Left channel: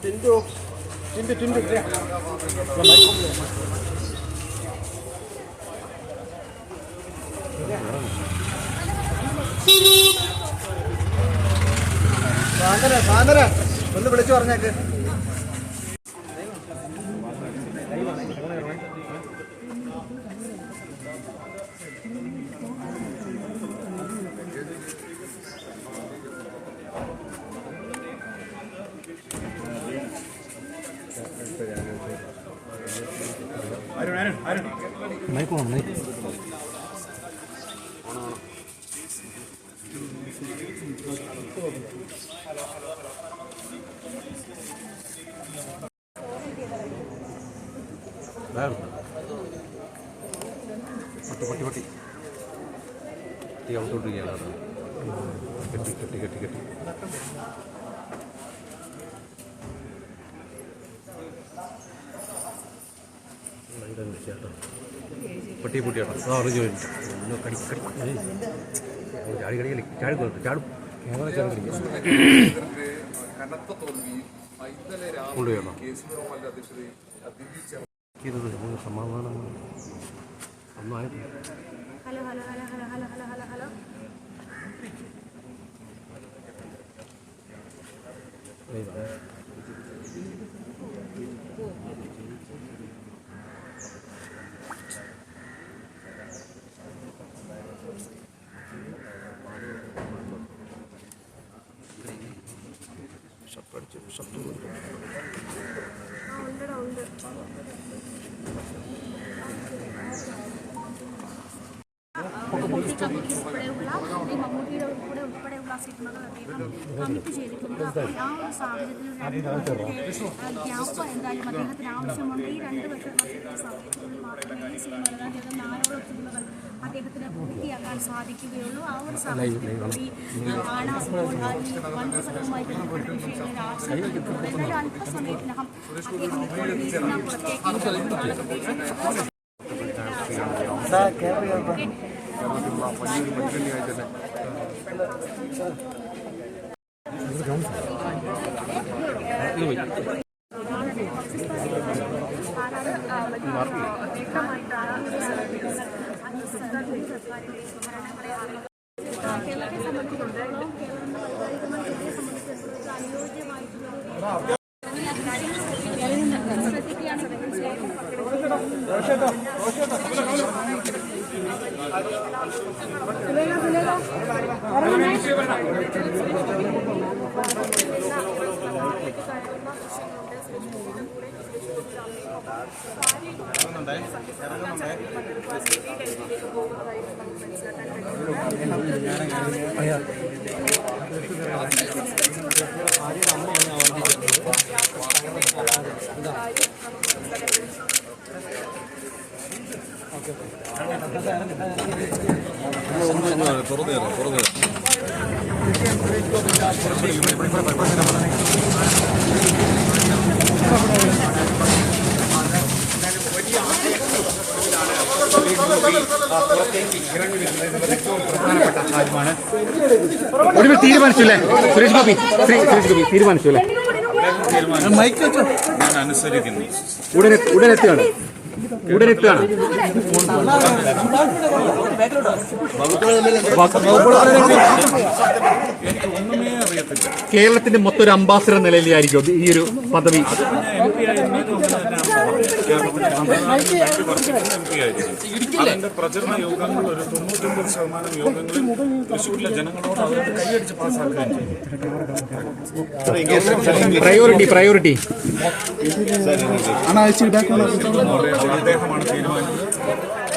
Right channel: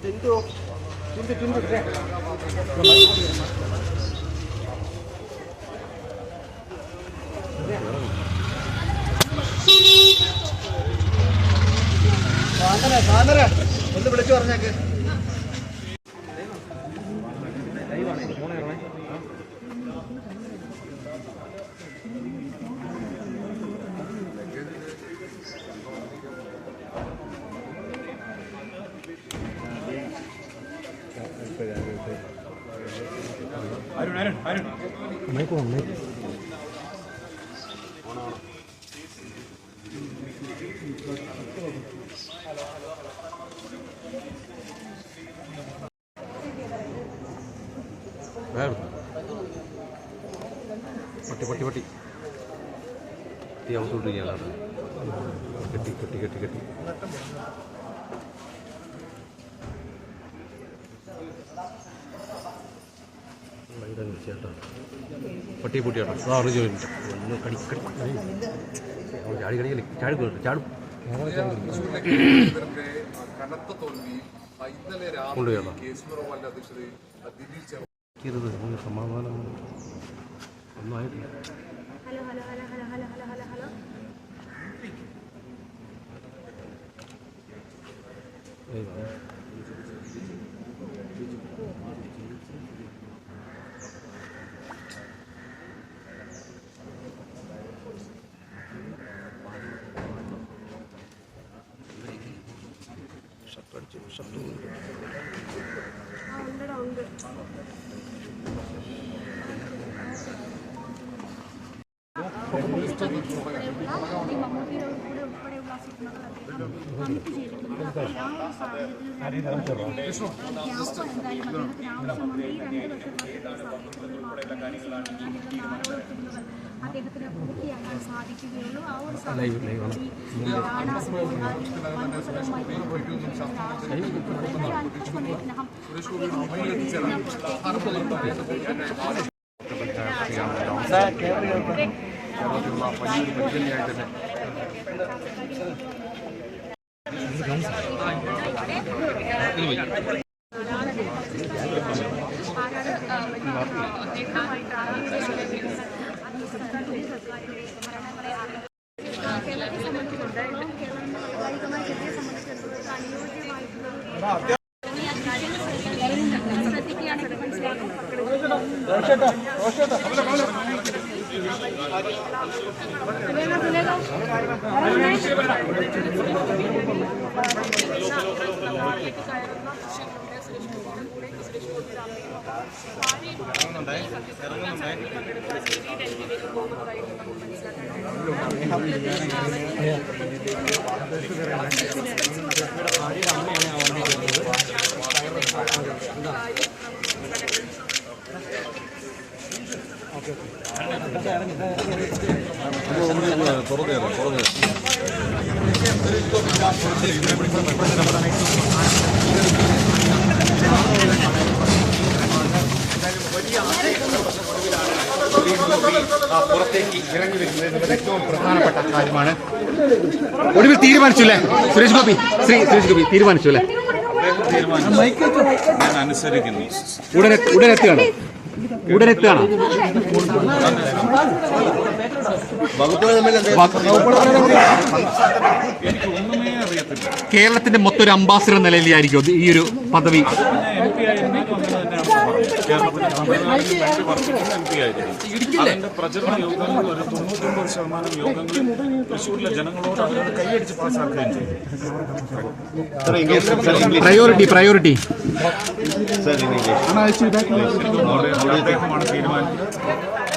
ടിൻഡു ടിൻഡു ടിൻഡു സാന്ദ്ര ഒന്ന് വിളിച്ചു പറഞ്ഞേക്ക് പട്ടി പട്ടി പട്ടി. പട്ടി അകത്തോട്ടിരിക്കുകയാണ് കെട്ടി കെട്ടി കെട്ടി കെട്ടി. ഇതാ വിളിച്ചേട്ടാ പട്ടി പൊട്ടിയേട്ടാ ആ അറിഞ്ഞു ചോദിച്ചു വല്ലോ കടി കടി ചാടി കടിക്കലി ചാടി പോയിട്ട് ചാടും കനത്ത തോൽവിയിൽ ഇന്നലെ രാവിലെ കേസുപുറമല്ല അധ്യക്ഷതയിൽ ദിലീപ് രുത് നമുക്ക് സമാധാനം ഒന്നായിട്ടില്ല Thank you. കടിച്ചു ശത്രു അദ്ദേഹത്തിന് പൂർത്തിയാക്കാൻ സാധിക്കുകയുള്ളൂ ആ ഒരു സാഹചര്യം കേരളത്തെ സംബന്ധിച്ചിടത്തോളം കേരളം വൈകാരികമായി ഇറങ്ങുന്നുണ്ടേ ഇറങ്ങുന്നുണ്ടേ അയ്യോ തുറന്നു തരാം തുറന്നു ഒടുവിൽ തീരുമാനിച്ചില്ലേ? സുരേഷ് ഗോപി. ശ്രീ സുരേഷ് ഗോപി തീരുമാനിച്ചു അല്ലേ? ഞാൻ അനുസരിക്കുന്നു. ഉടനെ ഉടനെത്തുകയാണ് ഉടനെത്തുകയാണ് എനിക്ക് ഒന്നുമേ അറിയത്തില്ല കേരളത്തിന്റെ മൊത്തം ഒരു അംബാസിഡർ നിലയിലായിരിക്കും ഈ ഒരു പദവി. അത് പിന്നെ എം പി ആയിരുന്നാലും അങ്ങനെ തന്നെയാണ് പറഞ്ഞത് കേരളത്തിലെ വേണ്ടി വർദ്ധിക്കുന്ന എം പി ആയിരിക്കും അതിന്റെ പ്രചരണ യോഗങ്ങൾ ഒരു തൊണ്ണൂറ്റൊമ്പത് ശതമാനം യോഗങ്ങളിൽ തൃശ്ശൂരിലെ ജനങ്ങളോട് അവരോട് കൈയടിച്ച് പാസ്സാക്കുകയും ചെയ്തു. Priority priority. അദ്ദേഹമാണ് തീരുമാനിച്ചത്.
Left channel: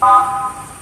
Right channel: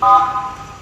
嗯